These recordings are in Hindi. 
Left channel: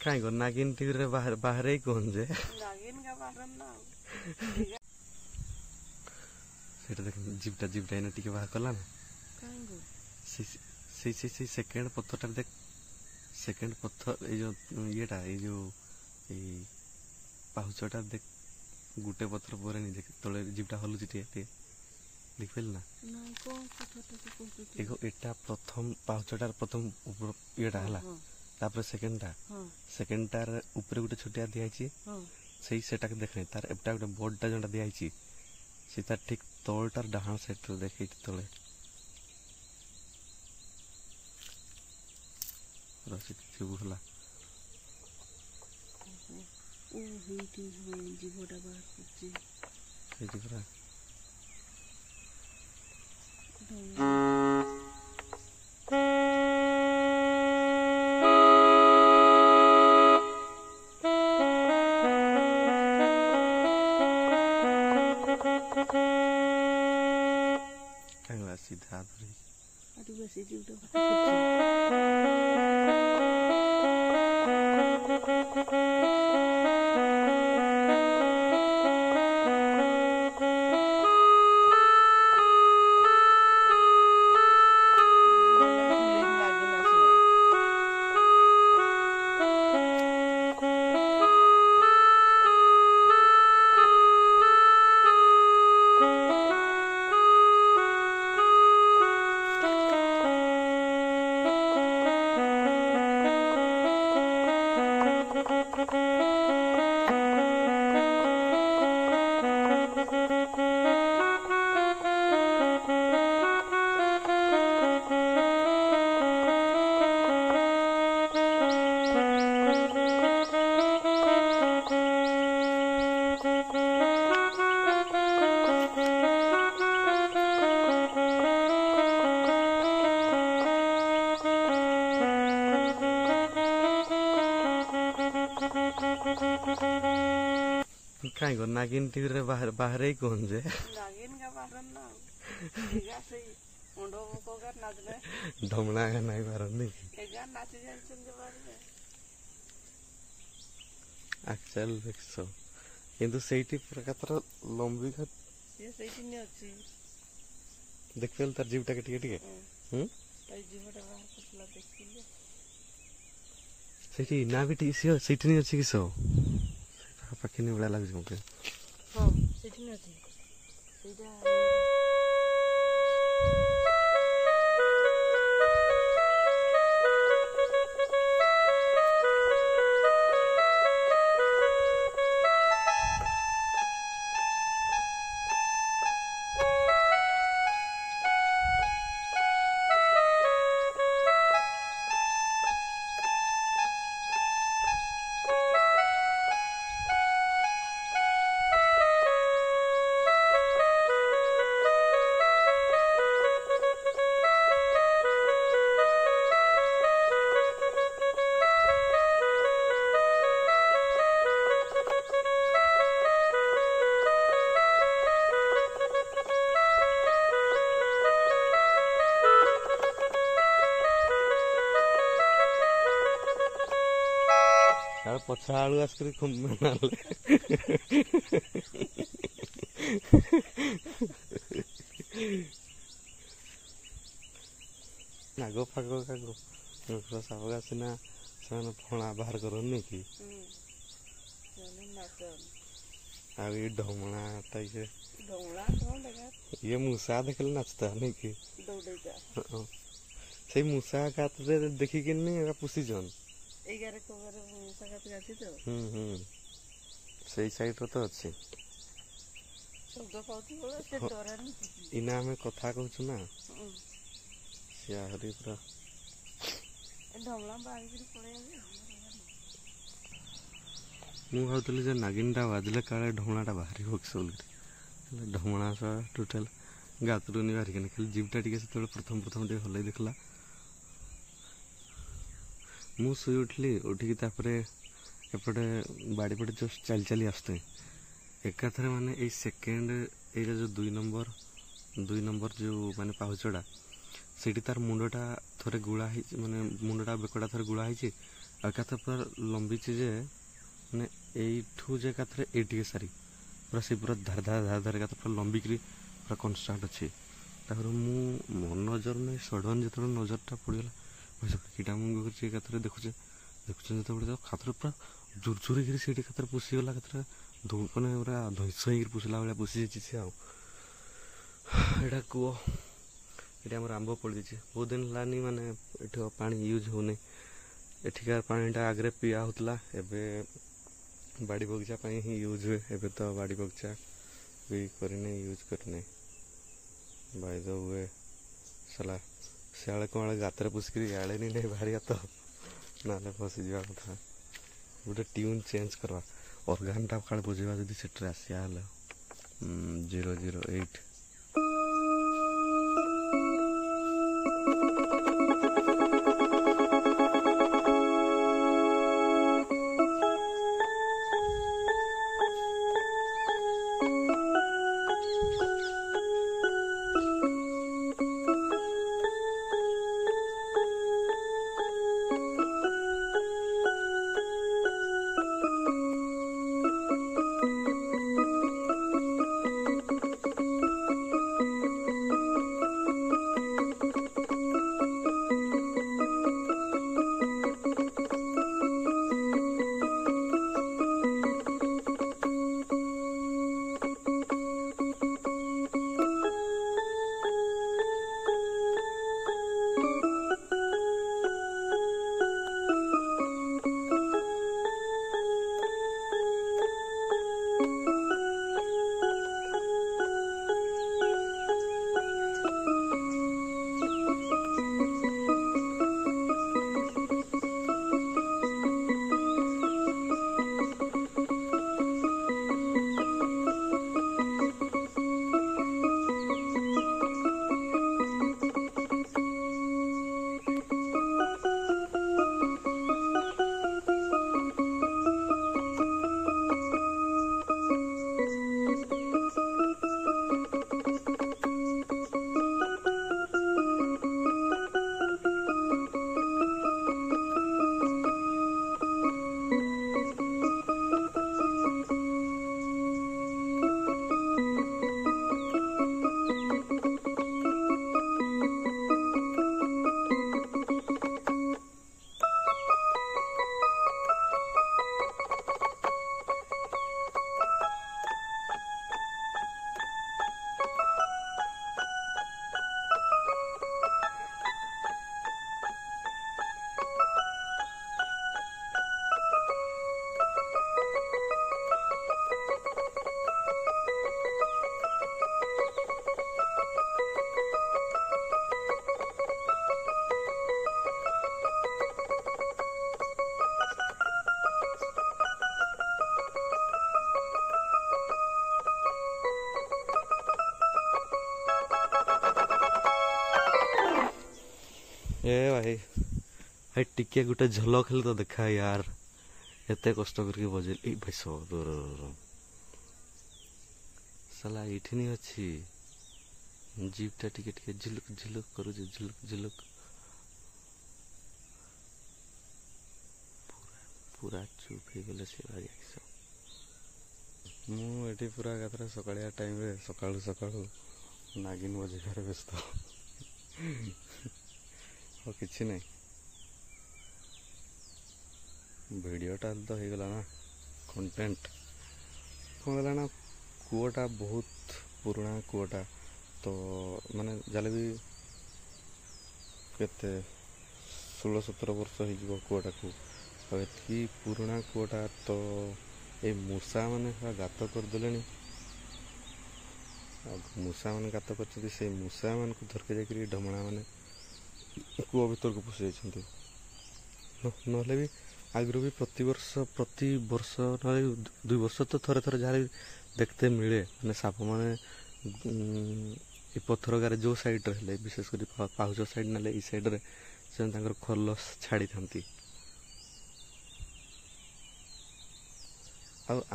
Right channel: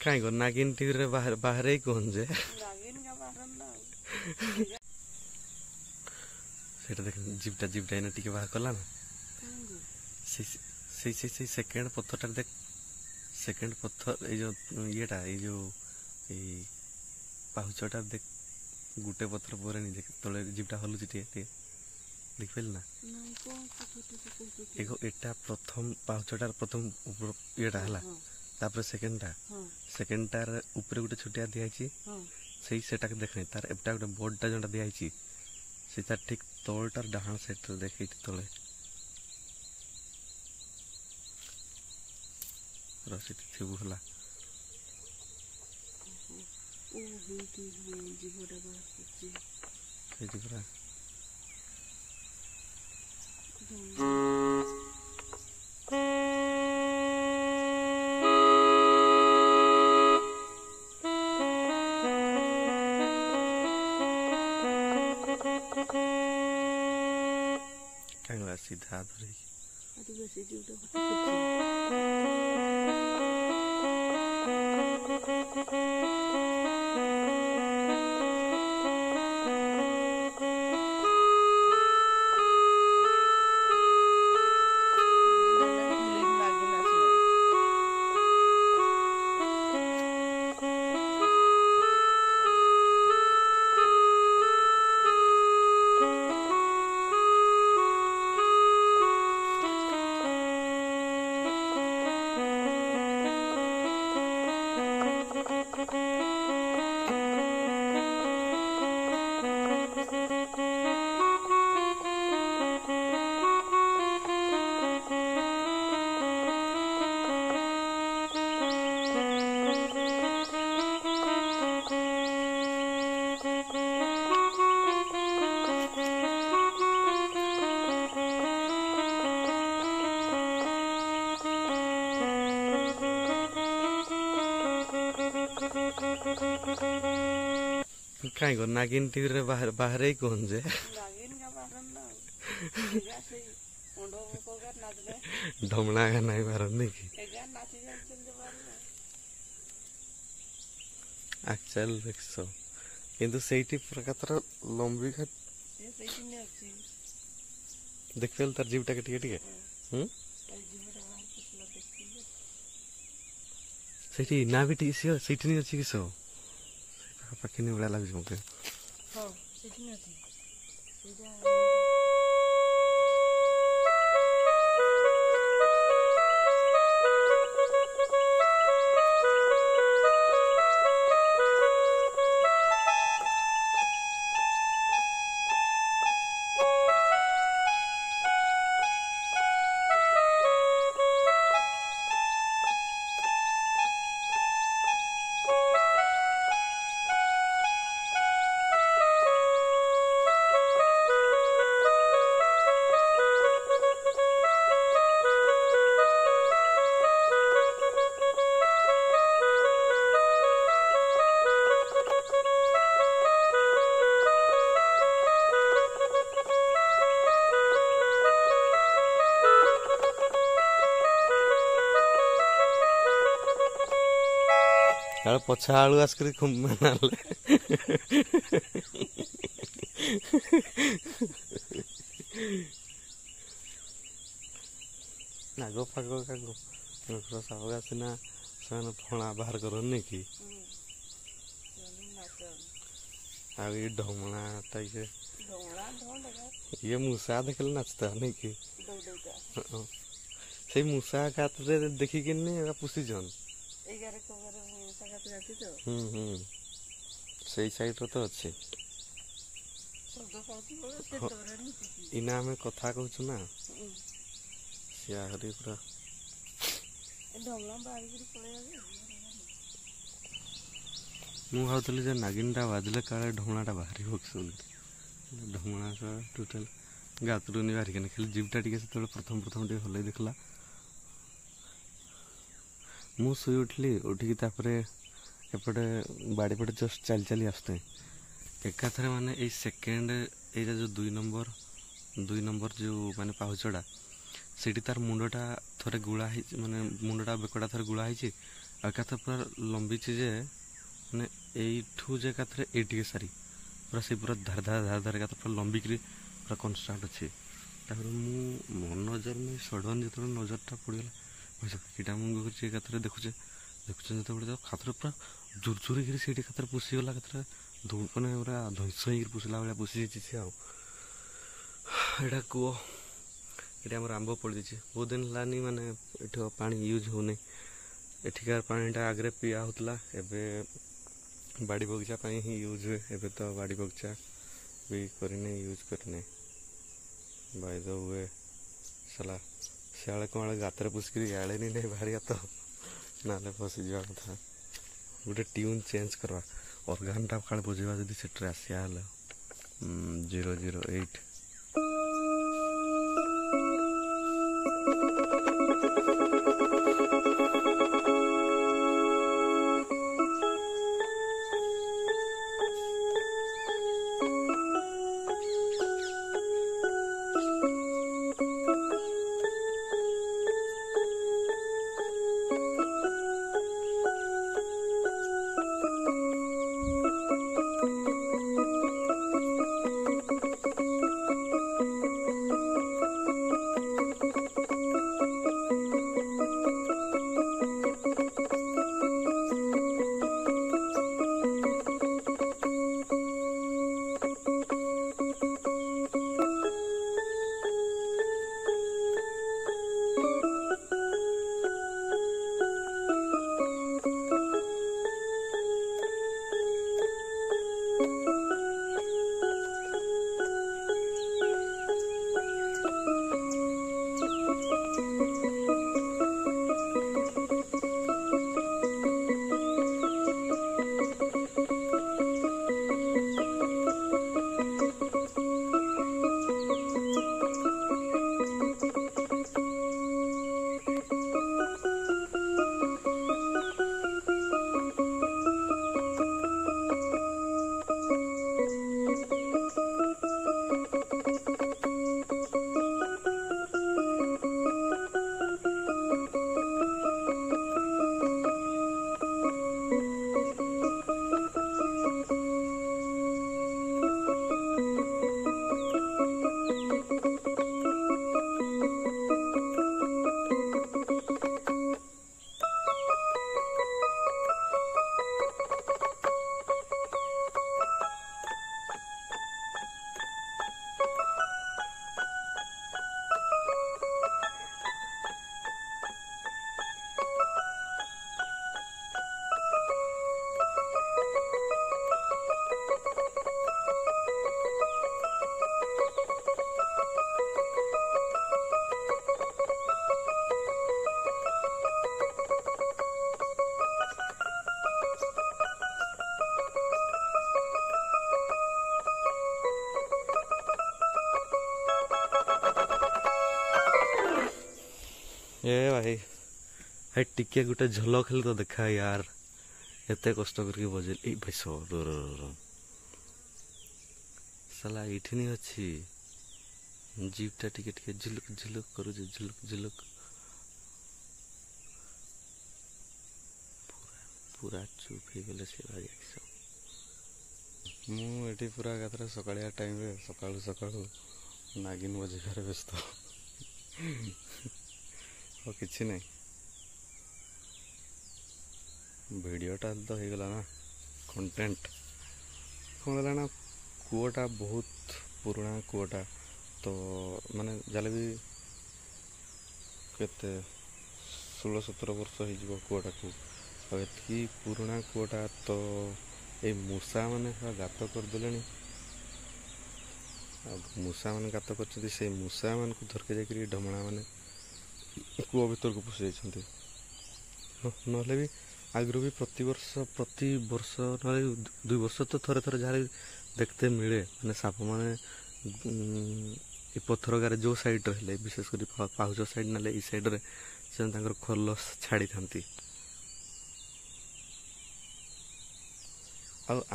कहीं को नागिन टीवी रे बाहर बाहर ही कौन जे नागिन का बाहर ना सेटा देख जिबटा जिबटा इने टिके बाहर कला ना से सेकंड पत्थरटा देख सेकंड पत्थर ए जो येटा ए जो ए पाहुचटा देख गुटे पत्थर पर नहीं देख तले जिबटा हलुची टे देख पेल ना एगो एटा प्रथम पाहुचटार प्रथम ऊपर येटा हला तापर सेकंडटार ऊपर गोटे छोटिया दिखाई से सेटा देख तार एटा गोटे बोर्डटा जोटा दिखाई से तार ठीक तलटार डाहाण साइड रे देखे तले रसी थिबु हला ओ हेटी जीवटा बाहर करछि हेटी करा कांगला सीधा धरी आदिवासी जीवटा कहीं को नागिन टीवी रे बाहर बाहर ही कौन जे नागिन का बाहर ना एगा से ओंडो को कर नाचबे ढमणा का नहीं बाहर नहीं की एगा नाच जान चल बाहर एक्चुअल देखसो किंतु सेठी प्रकार लंबी का ये सेठी ने अछि देख पेल तार जीवटा के टिके ताई जीवटा बाहर कुछला देखिले सेठी ना बेटी से सेठी नहीं अछि किसो पाखी नहीं बड़ा लग मुझे हां सेठी नहीं अछि एजा यार पछा आलू आसकर नाग फाग सावगा सिना से फणा बाहर करनी कि ये ढमणा टाइप ये मूसा देखल नाचता नहीं कि से मूसा का देखिक पुषी जन से साइड रो तो अच्छे इना हमें कथा कहूँ ना सियाहरी पूरा मु भावुली जे नागिनटा बाजिले काले ढमणाटा बाहरी ढमणा सा टोटाल गातरू नहीं बाहरिक खाली जीवटा टी प्रथम प्रथम टे हल देखला मु शुई उठली उठिकी एपटे बाड़ी पटे जस्ट चली चली आसते एकाथरे माने ए सेकेंड एटा जो दुई नंबर जो माने पाहुचड़ा सेठी तार मुंडटा थरे गुड़ा माने मुंडटा बेकड़ा थरे गुड़ा एकाथरे पूरा लंबीची जे मैंने यू जे एकाथरे ये सारी पूरा से पूरा धार धार धार धार एकाथरे पूरा लंबिकी पूरा कनस्टाट अच्छे मो नजर नहीं सडन जो नजरटा पड़गला कीटा मुंग कर एकाथरे देखुचे देखुचे जो खातर पूरा जोर जोर से खातर पुषीगला खातर मैंने पूरा धैंस हो पुषला भाया पुषी जाइए सी आईटा कूह ये आम आंब पड़ जाइए बहुत दिन है माने ये पानी यूज होने एठिकार पानीटा आगे पिया होता एबे बाड़ी बगीचा ही यूज हुए एबे तो बाड़ी बगीचा भी करने यूज करने बाय द वे साला सियाले कौन गातर पुषक इे नहीं बाहर तो ना फसी जा कथा गोटे ट्यून चेंज करवा ऑर्गानटा काले बजेवा जदि सेट्रे आसिया 008 ए भाई भाई टिके गोटे झलक हेले तो देखा यार एते कष्ट करके बजे ए भाई साला एठी नहीं अच्छी जीपटा टिके टिके झुलुक झुलुक करू झुलुक झुलुक पूरा चुप हो गले से भाई मु एठी पूरा गात्र सकाळिया टाइम रे सकाळु सकाळु नागिन बजेगार व्यस्त और किसी नहीं वीडियोटा तो हो गला ना कंटेंट कौन है ना कूटा बहुत पुराना कूटा तो माने जाले भी केते 16-17 वर्ष हो कूटा को एति पुराना कूटा तो ये मूषा माने गात करदे मूषा मैंने गात कर से मूषा मान को धरके जाकि ढमणा मैंने कूह भर को पशि जाती ना भी आगु भी प्रति वर्ष ना 2 वर्ष तो थरे थरे जहाँ देखते मिले मैंने साप मैंने पत्थर गारे जो साइड रे विशेषकर पाहुच साइड ना ये साइड रे से खल छाड़ी था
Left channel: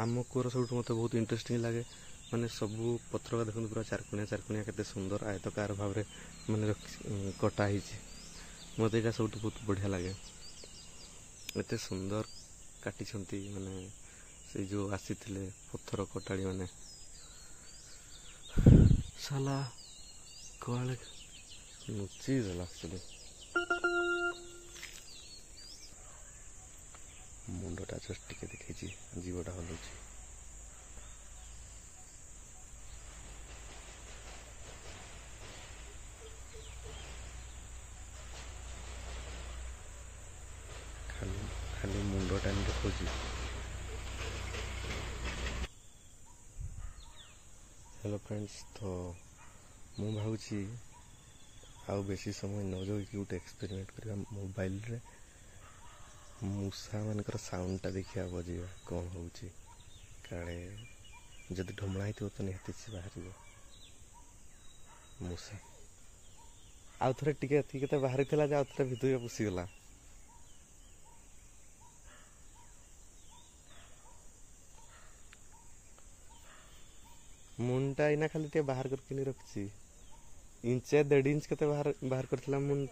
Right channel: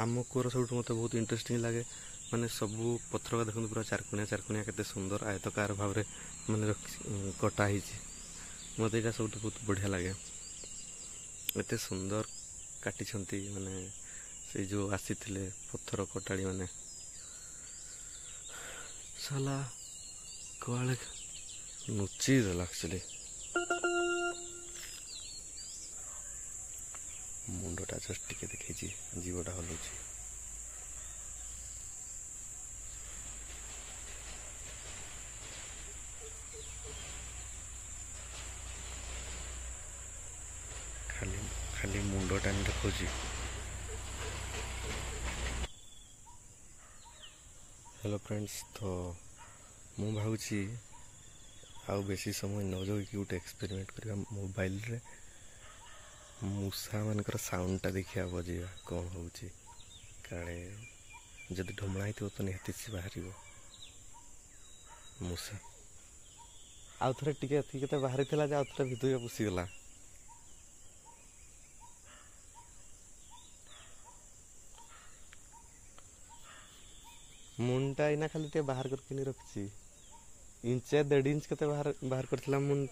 आम कूर सब मत बहुत इंटरेस्टिंग लगे माने सबू पथर का देखते पूरा चारकोणिया केते सुंदर आयतकार भाव में माने कटा मत यहाँ सब बहुत बढ़िया लगे एते सुंदर काटिछंती माने से जो आसीथिले पत्थर कटाड़ी माने साला कुआले नुची देला एक्चुअली मुंडटा जस्ट टिके देखी जीवटा हलुची खाली खाली मुंडटा देखो हेलो फ्रेंड्स तो मु भावुची आउ बेसी समय न जो कि गोटे एक्सपेरिमेंट करवा मोबाइल रे मूषा मानकर साउंडटा देखिया बजेगा कौन होउची काले जदि ढमणा हितो तो निहाती से बाहर मूषा आउ थरे टिके केते बाहरी थिला जे आउ थरे भितुया पुसी गला मुंडा इना खाली टे बाहर करके नहीं रखची इंचे 1.5 इंच केते बाहर बाहर करथिला मुंड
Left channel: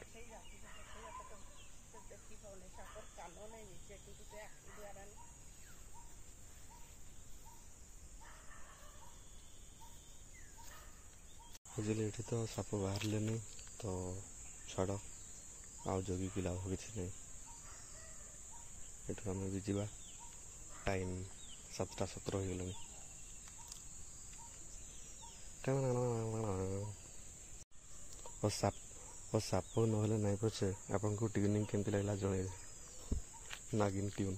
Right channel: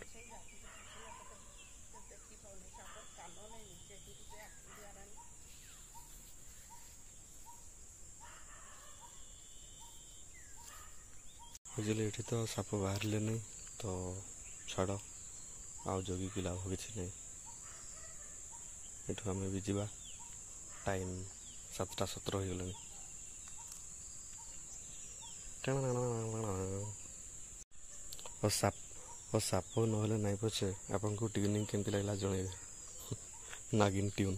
बुझले एठी तो साप बाहर लेनी तो छाड़ आउ जगी कि लाभ किसी नहीं एठू आम भी जा टाइम 7:17 हो गलानी साप ना नहीं पछे आपको ट्यूनिंग केमती लगला जन नागिन ट्यून।